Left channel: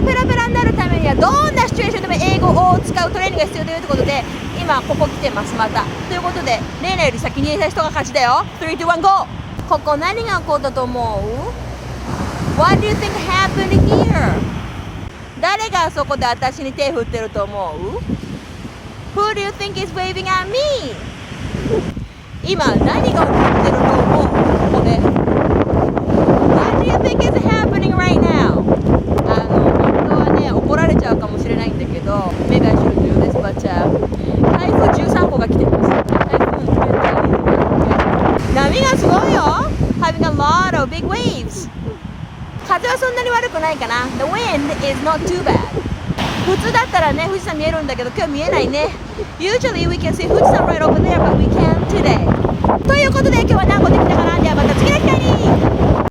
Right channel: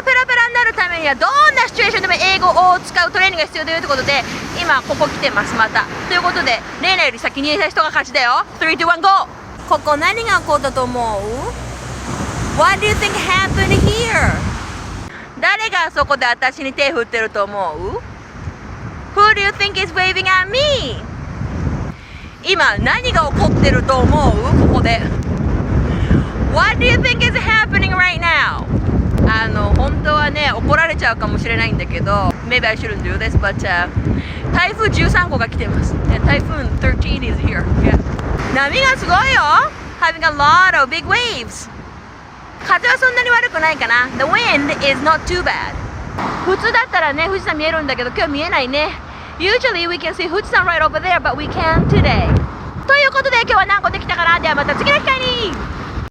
語ペラペラになるためにはどんなシチュエーションでも英語を使うトレーニングが必要だよということで、今ここ来てますまた。ということで、レイナより先に言えた人が勝ちだよ。3、2、1、GO！ ここ何が起こったと思う？ What do you think happened here? 誰があそこで私に手振ってると思う？ Who do you think is waving at me? 今何が起こってると思う？ここで。What do you think is happening right now? 本当はね、怒られちゃうかもしれないんだけど、Maybe I shouldn't do this, but、台風13個が来てます。台風13 is here. Yeah. 波がすごいよ。Having a lot of big waves. 風はそんなに悪くないかな。The wind is not too bad. 普通だったらね、富士山見えるんだけど、今日見えないね。Usually we can see 富士山 right over there, but we can't today. ということで今日は何個できたかな。ではまた次の機会に。